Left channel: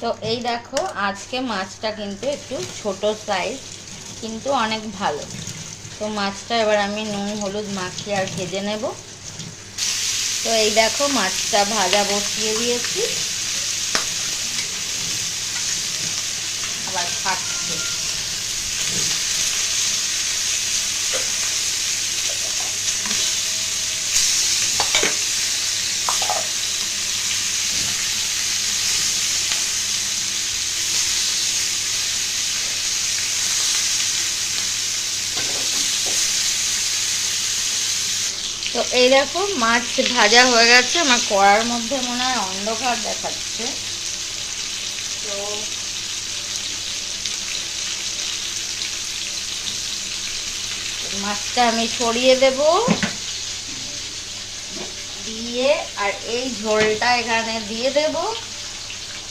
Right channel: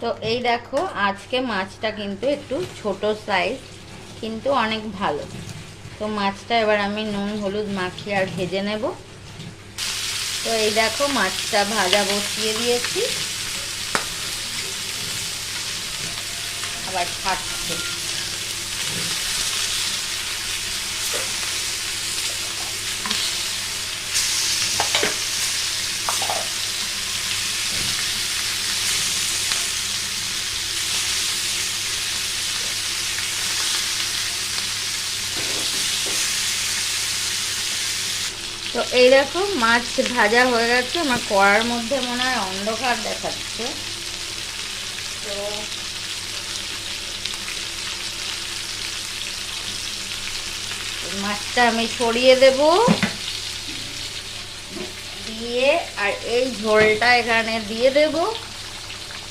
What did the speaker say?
তো এই দেখো আজকে মাছটা কিন্তু একটু ছোট সাইজ, কিন্তু অনেক ভালো। তো মাছটা এবার আমি নুন হলুদ মাখিয়ে আর ভেজে নেব। তো এই দেখো মাছটা ভাজা বসিয়ে দিয়েছি, আবার ছাড়ছে। তো এই দেখো মাছ ভাজা হয়ে গেছে, আমার কড়ার মধ্যে মনে হয় অন্ধকার দেখাচ্ছে। তো মাছটা আমি ছড়িয়ে দেব, দিয়ে আর এই ঝোলটা এখানে দিয়ে দেব।